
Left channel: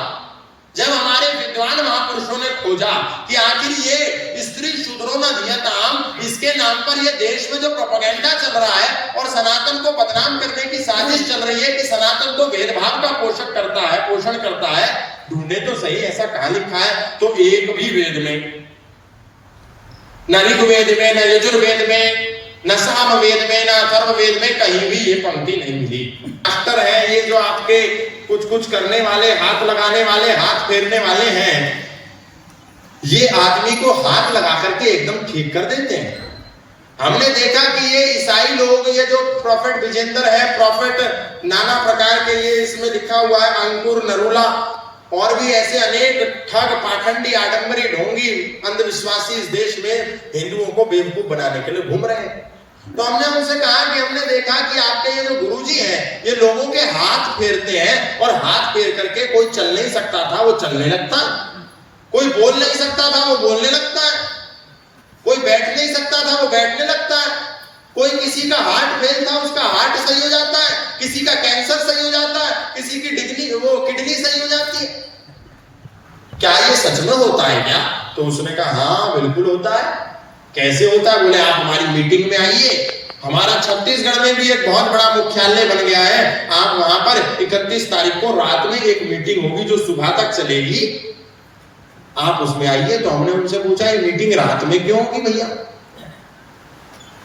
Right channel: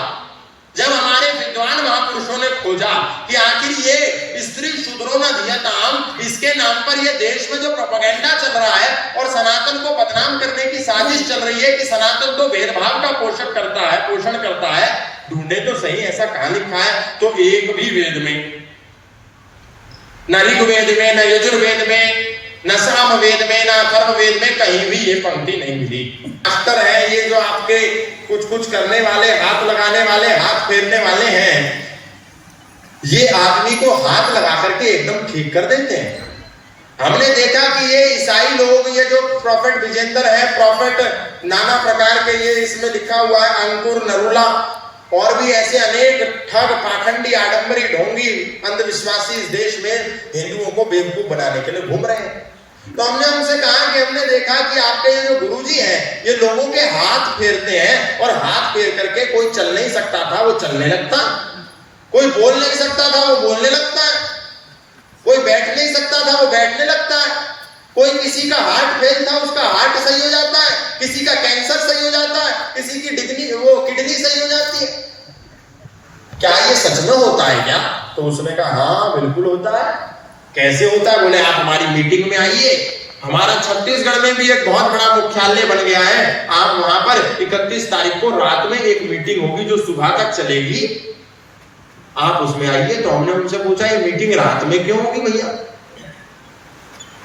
जब हमारे विद्वान महापुरुषों ने खोजा कि आखिर ये स्त्री शूद्रो न धीयताम, इसके नाम पर ये देश में जो प्रोपेगेंडा चल रहा है और सनातन को बदनाम करने की साजिश चल रही है कि सनातन तो भेदभाव का पोषण करता है, ढूंढे तो सही ऐसा कहां लिखा है। तो एक भी वेद में, न ऋग्वेद में, न यजुर्वेद में, न सामवेद में, न अथर्ववेद में कहीं भी ये पंक्ति नहीं मिली। अख्तर है ये जो आपके कुछ करने वाले, हाथ लगाने वाले, हाथ फेरने वाले हैं, ये आदमी को हाथ लगा करके एकदम ठीक कर देते हैं। हमने देखा कि ये ईसाई लोग, ये जो प्रॉफेट विजेंदर है, प्रॉफेट नाना प्रकार के, ये इसमें लिखा हुआ है अंकुर नरूला, और भी ऐसे अनेक ठग, पाखंडी, आडंबरी, ढोंगी, अंधविश्वासी इस देश में हिंदुओं को बेवकूफ बनाने के लिए घूम रहे हैं। तो हमने उनसे कहा कि हमने देखा कि आपके ये जो गुरुजी हैं, ये लोगों के हाथ फेरते हैं, और हाथ फेर करके कोई चल नहीं सकता था वो चलने लगता, कोई बोल नहीं सकता था वो बोलने लगता है, कोई बैठ नहीं सकता था वो बैठने लगता है, कोई किसी का हार्ट फेल था उसका हार्ट सही हो जाता है, किसी का कैंसर सही हो जाता है, किसी की किडनी सही हो जाती है। क्या ये सच में होता है क्या? तो उसने कहा हाँ बिल्कुल होता है। कैसे होता है? बोले आप हमारी मीटिंग में आइए, हमारा छत्तीसगढ़ में भी एक बहुत बड़ा मुख्यालय बन गया है, आप वहां पर 31 तारीख को रात में एक मीटिंग होगी जो सुबह तक चलेगी, आप उसमें आइए। तो हमने उनसे पूछा ये मीटिंग रात में क्यों होगी भैया,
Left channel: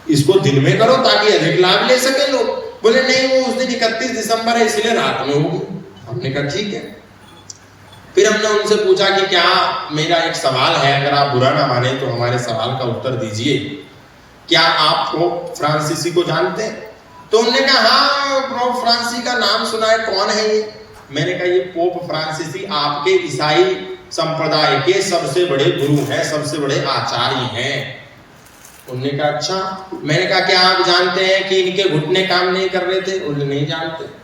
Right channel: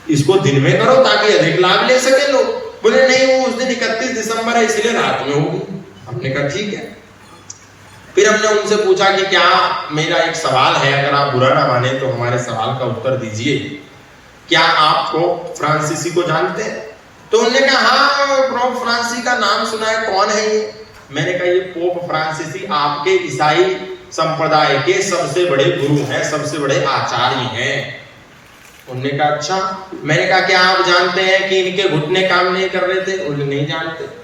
इसको दिन में करो ताकि अधिक लाभ ले सके लोग। बोले नहीं वो उस दिन 31 दिसंबर है इसलिए रात में होगी। हमने कहा ठीक है। फिर हमने उनसे पूछा कि क्या, मेरा एक सवाल है, अगर आप बुरा ना माने तो हमारे सवाल का उत्तर दीजिए, क्या आप पोप फ्रांसिसी को जानते हैं? तो उन्होंने कहा हाँ पोप फ्रांसिसी का नाम सुना है, कौन है ये? मैंने कहा ये पोप फ्रांसिसी आपके ईसाई संप्रदाय के सबसे बड़े गुरु हैं, सबसे बड़े आचार्य हैं। उन्होंने कहा अच्छा। मैंने कहा क्या आप जानते हैं कि इनके घुटने काम नहीं कर रहे थे? उन्होंने नहीं जानते।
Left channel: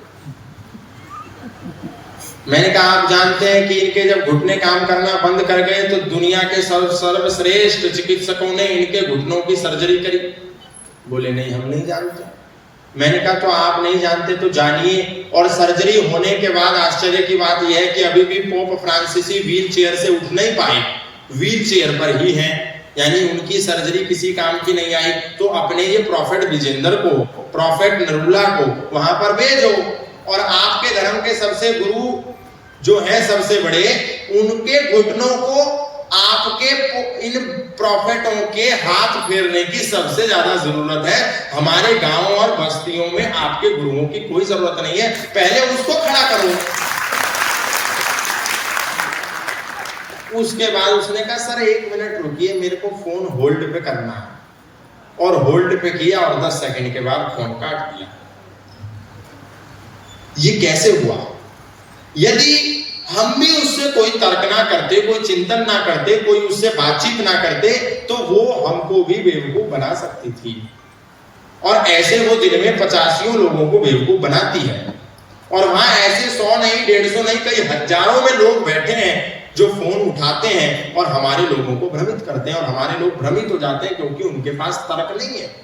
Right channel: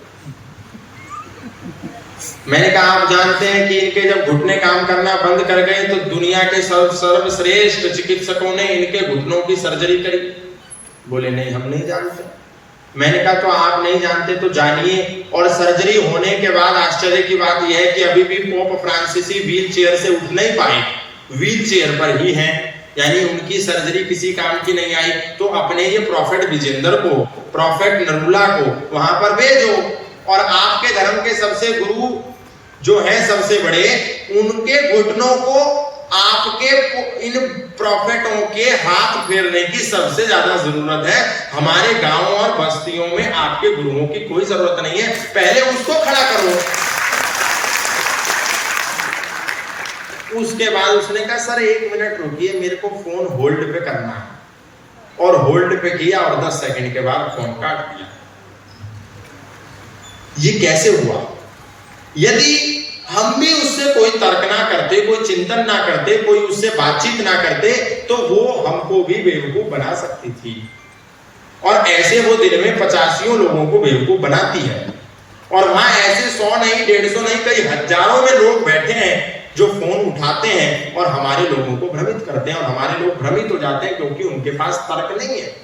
मैंने कहा आप जानते हैं कि इनके जब घुटने काम करना बंद कर गए तो दुनिया के सर्वश्रेष्ठ चिकित्सकों ने इनके घुटनों की सर्जरी करी? बोले नहीं हम नहीं जानते। मैंने कहा तो आप नहीं जानते तो जानिए। और सर्जरी होने के बाद आश्चर्य की बात यह है कि अभी भी पोप फ्रांसिसी व्हील चेयर से उठ नहीं पाए, व्हील चेयर पर ही हैं, यानी उनकी सर्जरी किसी काम की नहीं आई। तो अपने ये प्रॉफेट विजेंदर को, प्रॉफेट नरूला को वहां पर भेजो, और आपके धर्म के सबसे गुरु जो है सबसे बड़े, उनके घुटनों को आपके इन प्रॉफिटों के हाथ फेरने की सबसे ज्यादा जरूरत है। हमारे गांव और बस्तियों में आपके गुरुओं की कोई जरूरत नहीं है, पहले उसको खड़ा करो। उसके बाद उसने कहा सर 1 मिनट रुकिए, मेरे को फोन होल्ड पे करना है, और होल्ड पे किया और 10 सेकंड के बाद फोन काट दिया। ये कैसे हुआ? यदि हम भी उससे कोई तर्क ना करते, कोई चिंतन ना करते, कोई उससे बातचीत ना करते, तो वो हमको भी बेवकूफ बना सकती थी। और ऐसे वो दिन में 85 लोगों को बेवकूफ बनाती है। और वहां ऐसे 100 नहीं, 150 नहीं, कई हजारों में लोग बैठे हैं जो फोन उठाते हैं और हमारे लोगों को भ्रमित करते हैं। और हमारे लोग भ्रमित हो जाते हैं क्योंकि उनके पास तर्क नहीं है,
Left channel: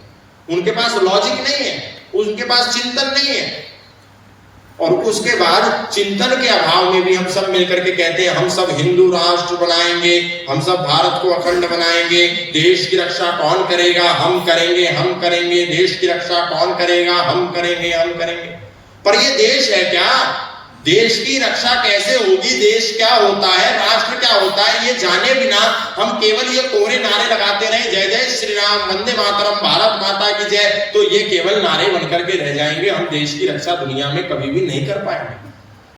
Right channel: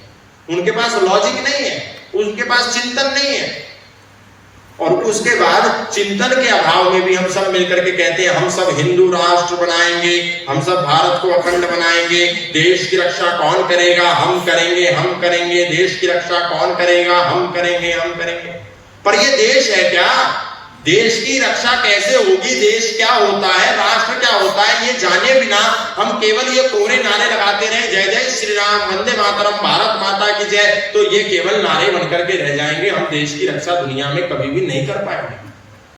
उनके पास लॉजिक नहीं है, उनके पास चिंतन नहीं है। और उसके बाद चिंतन के अभाव में भी हम सब मिलकर के कहते हैं हम सब हिंदू राष्ट्र बनाएंगे, हम सब भारत को अखंड बनाएंगे, देश की रक्षा कौन करेगा? हम करेंगे, हम करेंगे, देश की रक्षा कौन करेगा? हम करेंगे, हम करेंगे। पर ये देश है क्या? देश की रक्षा कैसे होगी? देश क्या होता है, राष्ट्र क्या होता है, ये जाने बिना हम केवल ये कोरे नारे लगाते रहे, जय जय श्री राम, वंदे मातरम, भारत माता की जय, तो ये केवल नारे बनकर के रह जाएंगे। हम देश की रक्षा दुनिया में कभी भी नहीं कर पाएंगे।